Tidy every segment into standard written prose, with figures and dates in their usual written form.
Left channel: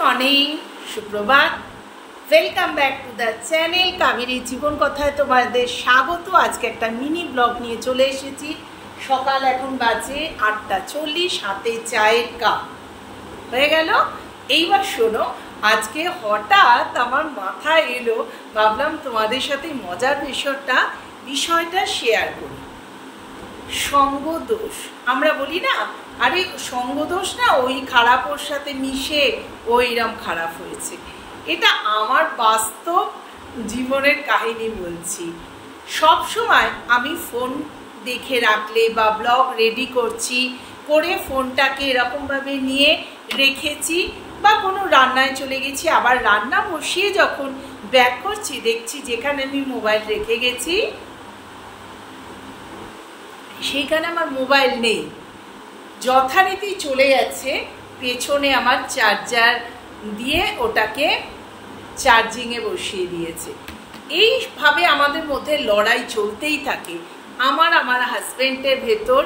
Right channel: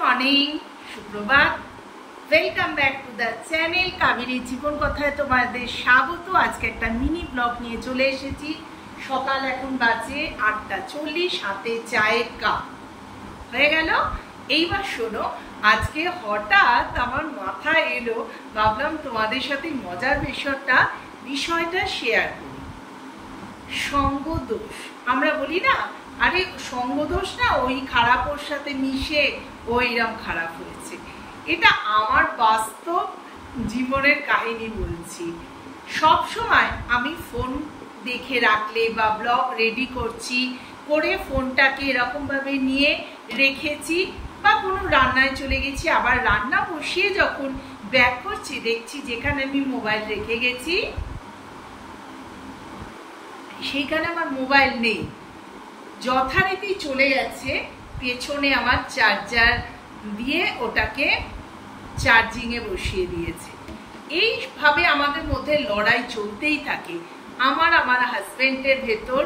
Morning, সুপ্রভাত। Welcome back to the channel Kaveri জীবন কথায় তোমাদের স্বাগত। আজকে একটা মিনি ব্লগ নিয়ে চলে এসেছি। সকাল এখন বাজে 8:40, হাতে চায়ের কাপ হয়ে গেল। এইবার শোনো, আজকে হঠাৎ আমার মাথায় এলো, ভাবলাম তোমাদের সাথে মজার বিষয়টা শেয়ার করি। সঙ্গদোষ আমরা বলি না, আরে সঙ্গদোষ না, ওই খারাপ ওর সাথে মিশে ও এরম খারাপ হয়েছে। এটা আমার বাস্তব জীবনের কাহিনী বলছি। সব সময় আমি ফোন দেখে রাখলে বা ব্লগ রেডি করছি করে ফোনটাকে এরকমভাবে নিয়ে রেখেছি, বা কোনো রান্নায় চলে গেছি, আবার রান্না বসিয়ে যখন ব্যাক করছি দেখছি যেখানে আমি মোবাইল রেখে গেছি সেইখানে আমার মোবাইল নেই। যথারীতি চলে যাচ্ছে পেছনে আমার চার্জার দিয়ে ওটাকে চার্জিংয়ে বসিয়ে দিয়েছে। এইভাবে আমাদের মধ্যে লড়াই চলতেই থাকে। আমার হাজব্যান্ডের ভেতর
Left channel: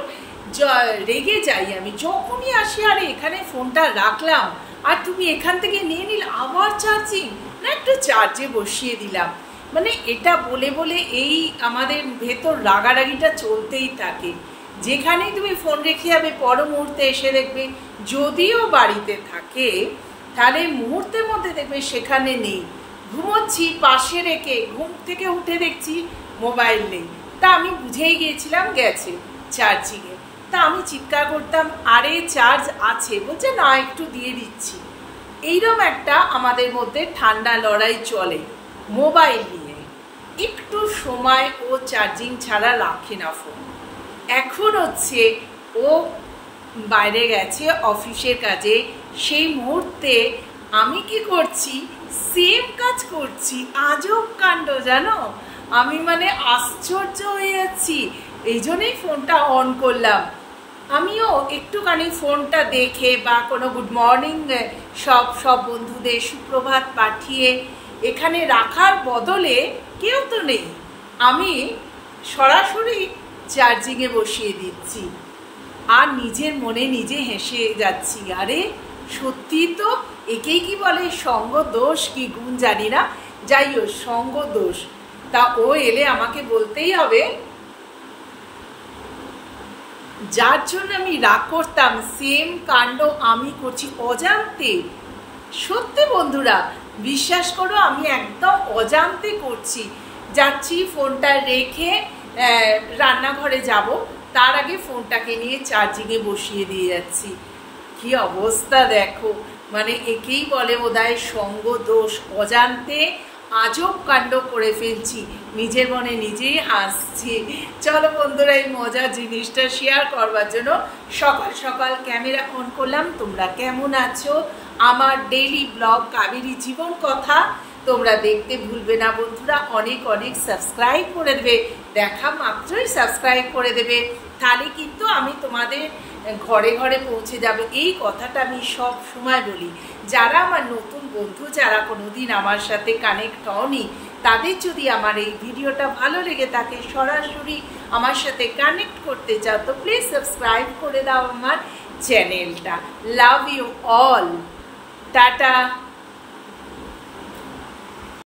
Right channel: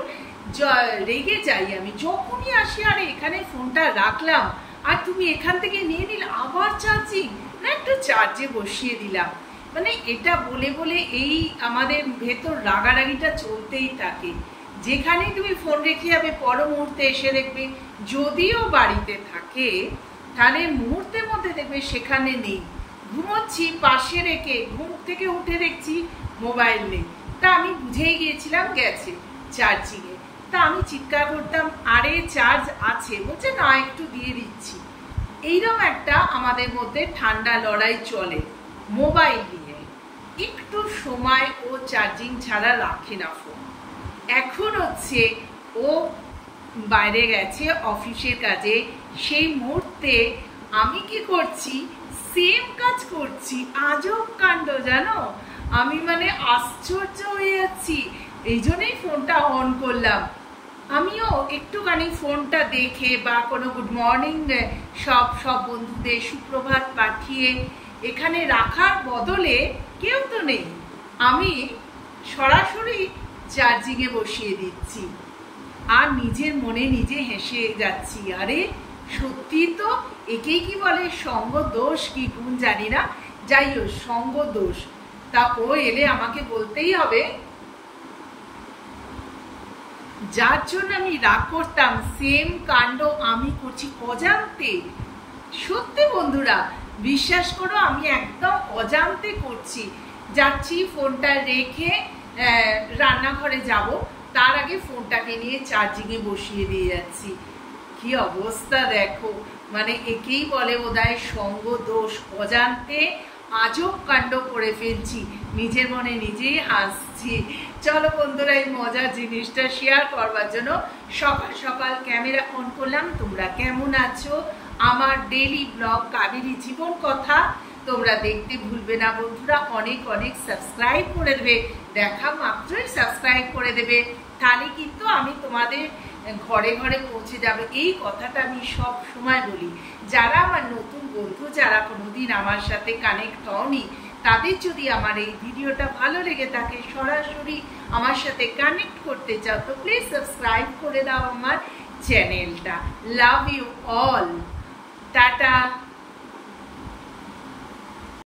রেগে যাই আমি, যখনই আসি, আরে এখানে ফোনটা রাখলাম আর তুমি এখান থেকে নিয়ে নিলে, আবার চার্জিং না, একটু চার্জে বসিয়ে দিলাম। মানে এটা বলে বলে এই আমাদের ভেতর রাগারাগিটা চলতেই থাকে। যেখানেই তুমি ফোন রেখে যাবে পর মুহূর্তে এসে দেখবে, যদিও বাড়িতে থাকে তাহলে মুহূর্তের মধ্যে দেখবে সেখানে নেই। ঘুমোচ্ছি পাশে রেখে ঘুম থেকে উঠে দেখছি মোবাইল নেই। তা আমি বুঝেই গিয়েছিলাম গেছে চার্জিংয়ে। তা আমি চিৎকার করতাম, আরে চার্জ আছে, বলছে না একটু দিয়ে দিচ্ছি। এইরকম একটা আমাদের মধ্যে ঠান্ডা লড়াই চলে মোবাইল নিয়ে। একটু সময় ও চার্জিং ছাড়া রাখে না ফোন। এখন হচ্ছে ও বাইরে গেছে অফিসের কাজে, সেই মুহূর্তে আমি কি করছি, সেম কাজ করছি। আজব কাণ্ড জানো, আমি মানে আশ্চর্য হয়ে যাচ্ছি। এই জন্যই ফোনটা অন করলাম। আমিও একটুখানি ফোনটা দেখে বা কোনো গুড মর্নিং সব বন্ধুদের সুপ্রভাত পাঠিয়ে এখানে রাখার বদলে, কেউ তো নেই, আমি সরাসরি চার্জিংয়ে বসিয়ে দিচ্ছি। আর নিজের মনে নিজে হেসে যাচ্ছি, আরে সত্যি তো, একেই কি বলে সঙ্গ দোষ কি গুণ জানি না, যাই হোক সঙ্গ দোষ। তা ও এলে আমাকে বলতেই হবে, যার জন্য আমি রাগ করতাম সেম কাণ্ড আমি করছি অজান্তে। সত্যি বন্ধুরা বিশ্বাস করো, আমি একদম অজান্তে করছি। যাচ্ছি ফোনটা রেখে রান্নাঘরে যাব, তার আগে ফোনটাকে নিয়ে চার্জিংয়ে বসিয়ে দিয়ে যাচ্ছি। কি অবস্থা দেখো, মানে একেই বলে বোধহয় সঙ্গ দোষ। অজান্তে আজব কাণ্ড করে ফেলছি, নিজের মনে নিজেই হাসছি। চলো বন্ধুরা, এই মজার জিনিসটা শেয়ার করবার জন্য সকাল সকাল ক্যামেরা অন করলাম। তোমরা কেমন আছো? আমার ডেইলি ব্লগ কাবেরী জীবন কথা তোমরা দেখতে ভুলবে না বন্ধুরা। অনেক অনেক সাবস্ক্রাইব করে দেবে, দেখা মাত্রই সাবস্ক্রাইব করে দেবে, তাহলে কিন্তু আমি তোমাদের ঘরে ঘরে পৌঁছে যাবে। এই কথাটা আমি সব সময় বলি। যারা আমার নতুন বন্ধু, যারা কোনোদিন আমার সাথে কানেক্ট হওনি, তাদের যদি আমার এই ভিডিওটা ভালো লেগে থাকে, সরাসরি আমার সাথে কানেক্ট করতে চাও, তো প্লিজ সাবস্ক্রাইব করে দাও আমার চ্যানেলটা। Love you all, tata.